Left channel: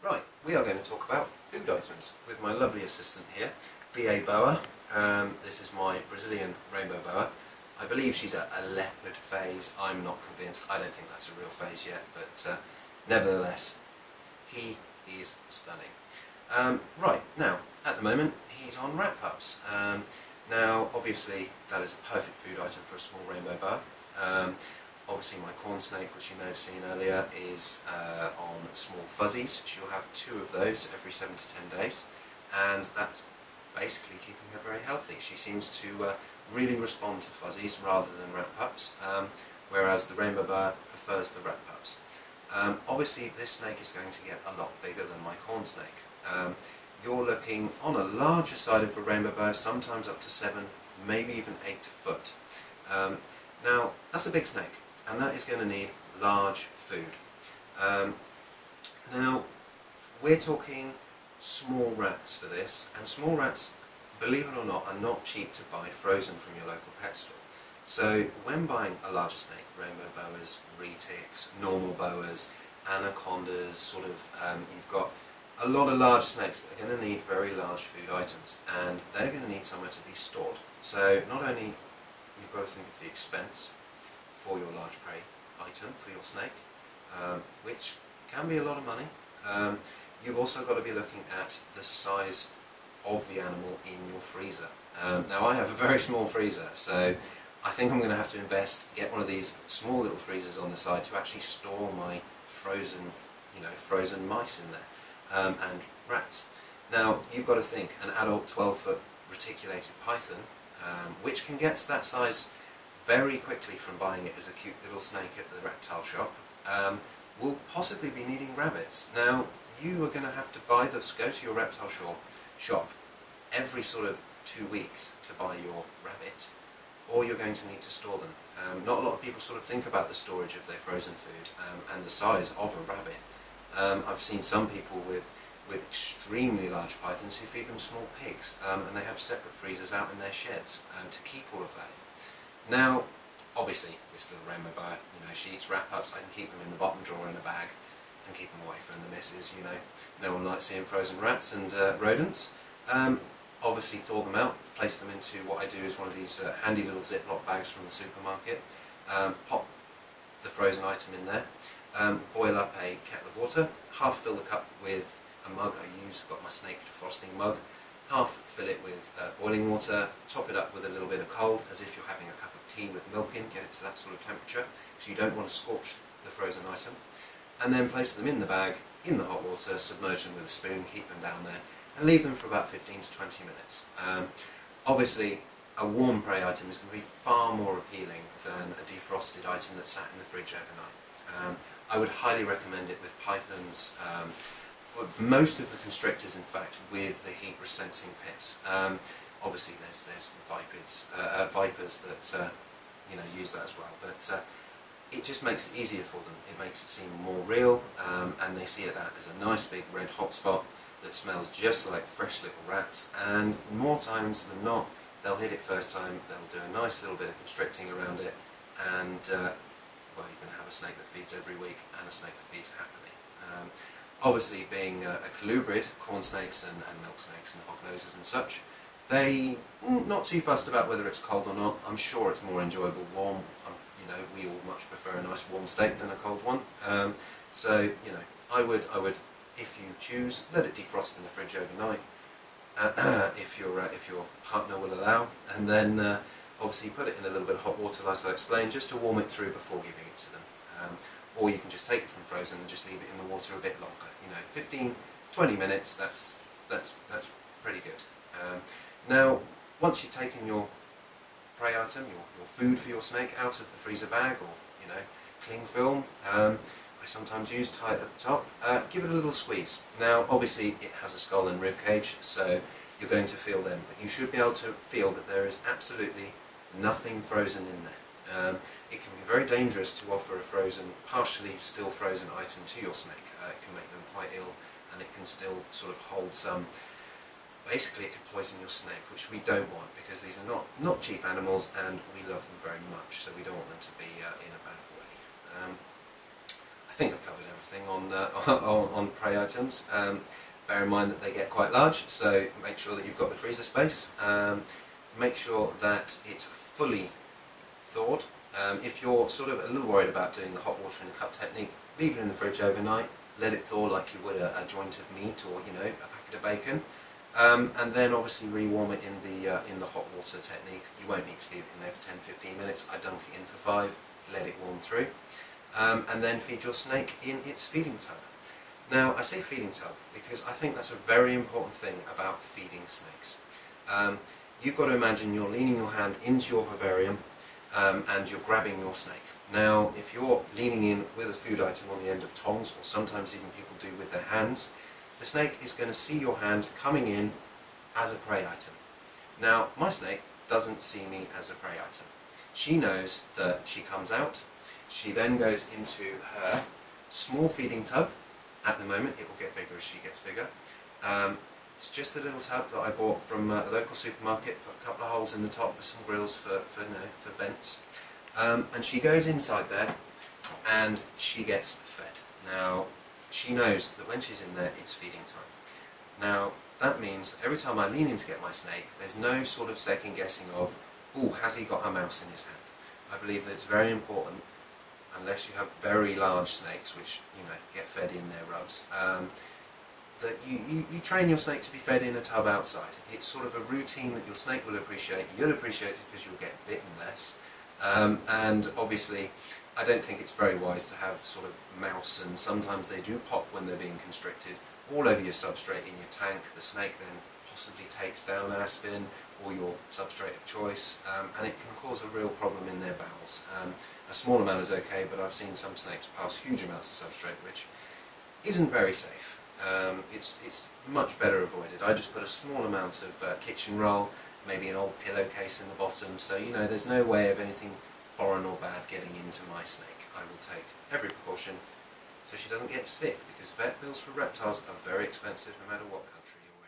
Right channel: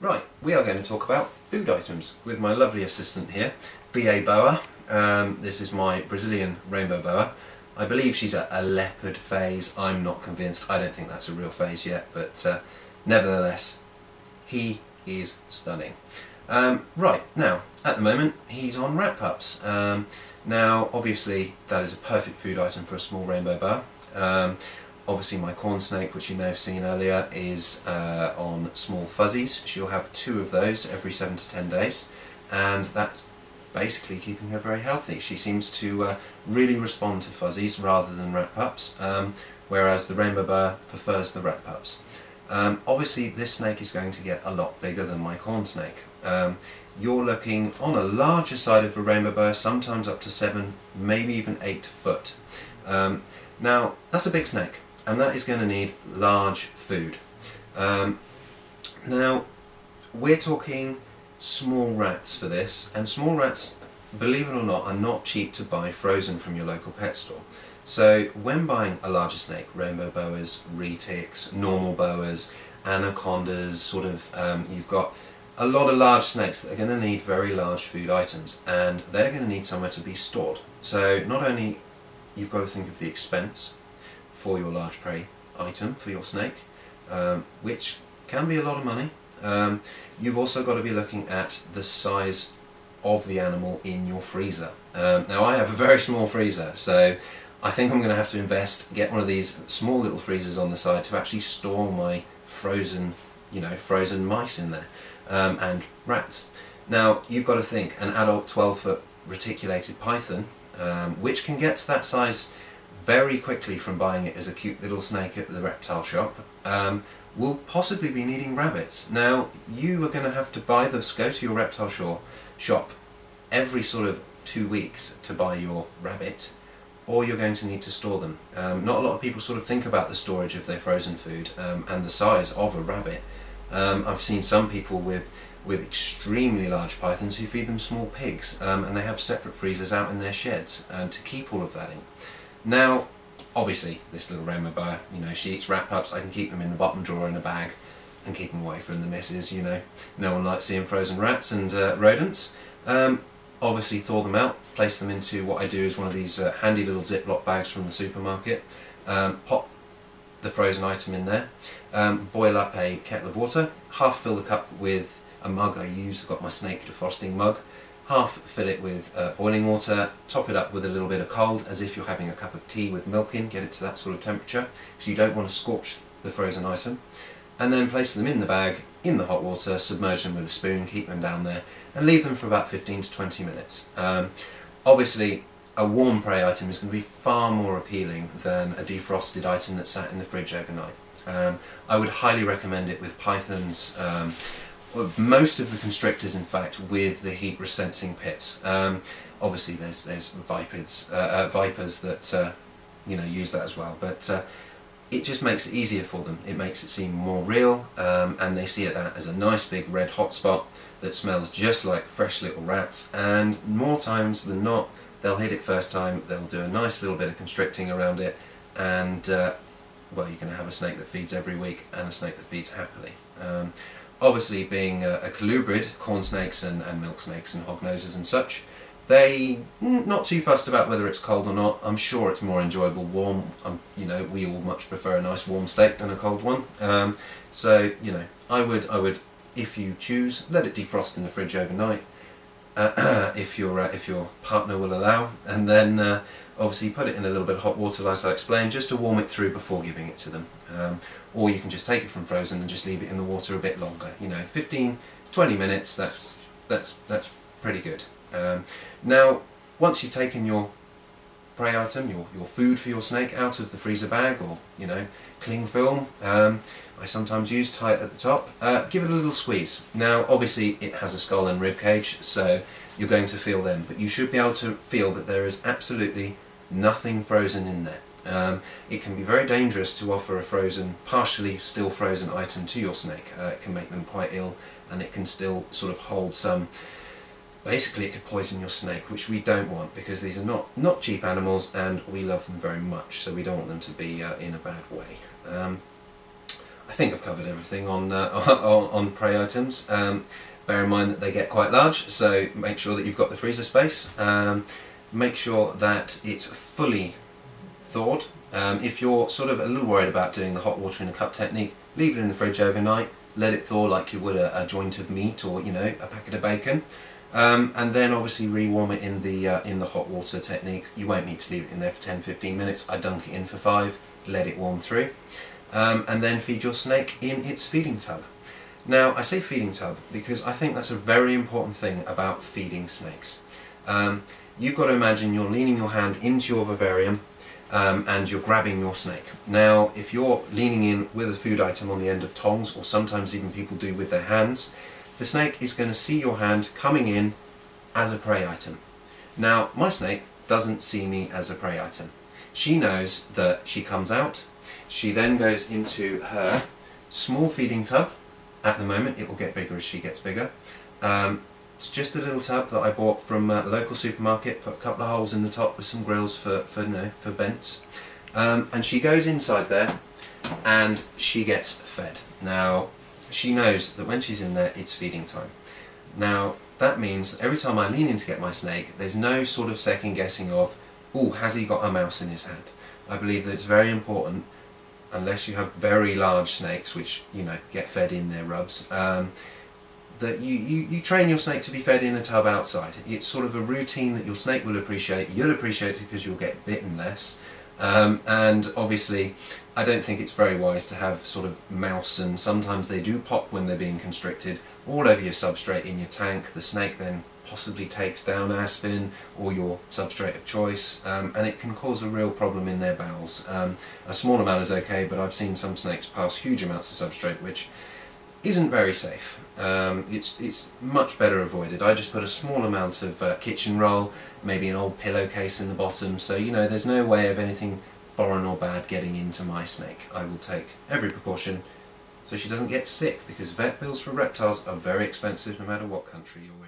Right, we are going to talk about food items with my lovely assistant here, B.A. Boa. This is my Brazilian rainbow boa. I believe she's a leopard phase. I'm not convinced. I don't think that's a real phase yet, but nevertheless, he is stunning. Right, now, at the moment, he's on rat pups. Now, obviously, that is a perfect food item for a small rainbow boa. Obviously my corn snake, which you may have seen earlier, is on small fuzzies. She'll have 2 of those every 7 to 10 days, and that's basically keeping her very healthy. She seems to really respond to fuzzies rather than rat pups, whereas the rainbow boa prefers the rat pups. Obviously this snake is going to get a lot bigger than my corn snake. You're looking on a larger side of a rainbow boa, sometimes up to 7, maybe even 8 foot. Now that's a big snake, and that is going to need large food. Now, we're talking small rats for this, and small rats, believe it or not, are not cheap to buy frozen from your local pet store. So when buying a larger snake, rainbow boas, retics, normal boas, anacondas, you've got a lot of large snakes that are going to need very large food items, and they're going to need somewhere to be stored. So not only you've got to think of the expense for your large prey item for your snake, which can be a lot of money. You've also got to be looking at the size of the animal in your freezer. Now I have a very small freezer, so I think I'm going to have to get one of these small little freezers on the side to actually store my frozen mice in there, and rats. Now you've got to think, an adult 12-foot reticulated python, which can get to that size very quickly from buying it as a cute little snake at the reptile shop, will possibly be needing rabbits. Now you are going to have to go to your reptile shop every sort of 2 weeks to buy your rabbit, or you're going to need to store them. Not a lot of people sort of think about the storage of their frozen food and the size of a rabbit. I've seen some people with extremely large pythons who feed them small pigs, and they have separate freezers out in their sheds to keep all of that in. Now, obviously, this little rainbow boa, she eats rat pups. I can keep them in the bottom drawer in a bag and keep them away from the missus. No one likes seeing frozen rats and rodents. Obviously, thaw them out, place them into what I do is one of these handy little Ziploc bags from the supermarket. Pop the frozen item in there, boil up a kettle of water, half fill the cup with a mug I use. I've got my snake defrosting mug. Half fill it with boiling water, top it up with a little bit of cold, as if you're having a cup of tea with milk in, get it to that sort of temperature, because you don't want to scorch the frozen item. And then place them in the bag, in the hot water, submerge them with a spoon, keep them down there, and leave them for about 15 to 20 minutes. Obviously, a warm prey item is going to be far more appealing than a defrosted item that's sat in the fridge overnight. I would highly recommend it with pythons, most of the constrictors, in fact, with the heat sensing pits. Obviously there's vipers that use that as well, but it just makes it easier for them. It makes it seem more real, and they see that as a nice big red hot spot that smells just like fresh little rats, and more times than not they'll hit it first time, they'll do a nice little bit of constricting around it, and well, you're going to have a snake that feeds every week and a snake that feeds happily. Obviously, being a colubrid, corn snakes and milk snakes and hognoses and such, they not too fussed about whether it's cold or not. I'm sure it's more enjoyable warm. We all much prefer a nice warm steak than a cold one. So I would, if you choose, let it defrost in the fridge overnight, if your partner will allow, and then obviously put it in a little bit of hot water, as I explained, just to warm it through before giving it to them. Or you can just take it from frozen and just leave it in the water a bit longer. 15-20 minutes. That's pretty good. Now, once you've taken your prey item, your food for your snake, out of the freezer bag, or cling film, I sometimes use, tie it at the top. Give it a little squeeze. Now, obviously, it has a skull and rib cage, so you're going to feel them, but you should be able to feel that there is absolutely nothing frozen in there. It can be very dangerous to offer a partially still frozen item to your snake. It can make them quite ill, and it can still sort of hold some. Basically, it could poison your snake, which we don't want, because these are not cheap animals, and we love them very much, so we don't want them to be in a bad way. I think I've covered everything on, on prey items. Bear in mind that they get quite large, so make sure that you've got the freezer space. Make sure that it's fully thawed. If you're sort of a little worried about doing the hot water in a cup technique, leave it in the fridge overnight, let it thaw like you would a joint of meat or, you know, a packet of bacon. And then obviously rewarm it in the hot water technique. You won't need to leave it in there for 10-15 minutes. I dunk it in for 5, let it warm through, and then feed your snake in its feeding tub. Now I say feeding tub because I think that's a very important thing about feeding snakes. You've got to imagine you're leaning your hand into your vivarium and you're grabbing your snake. Now if you're leaning in with a food item on the end of tongs, or sometimes even people do with their hands, the snake is going to see your hand coming in as a prey item. Now my snake doesn't see me as a prey item. She knows that she comes out, she then goes into her small feeding tub. At the moment it will get bigger as she gets bigger. It's just a little tub that I bought from a local supermarket, put a couple of holes in the top with some grills for vents. And she goes inside there and she gets fed. Now she knows that when she's in there it's feeding time. Now that means every time I lean in to get my snake, there's no sort of second guessing of, oh, has he got a mouse in his hand? I believe that it's very important, unless you have very large snakes which, you know, get fed in their rubs, that you train your snake to be fed in a tub outside. It's sort of a routine that your snake will appreciate. You'll appreciate it because you'll get bitten less. And obviously I don't think it's very wise to have sort of mouse, and sometimes they do pop when they're being constricted, all over your substrate in your tank. The snake then possibly takes down aspirin or your substrate of choice, and it can cause a real problem in their bowels. A small amount is okay, but I've seen some snakes pass huge amounts of substrate, which isn't very safe. It's much better avoided. I just put a small amount of kitchen roll, maybe an old pillowcase in the bottom, so you know there's no way of anything foreign or bad getting into my snake. I will take every precaution so she doesn't get sick, because vet bills for reptiles are very expensive no matter what country you're in.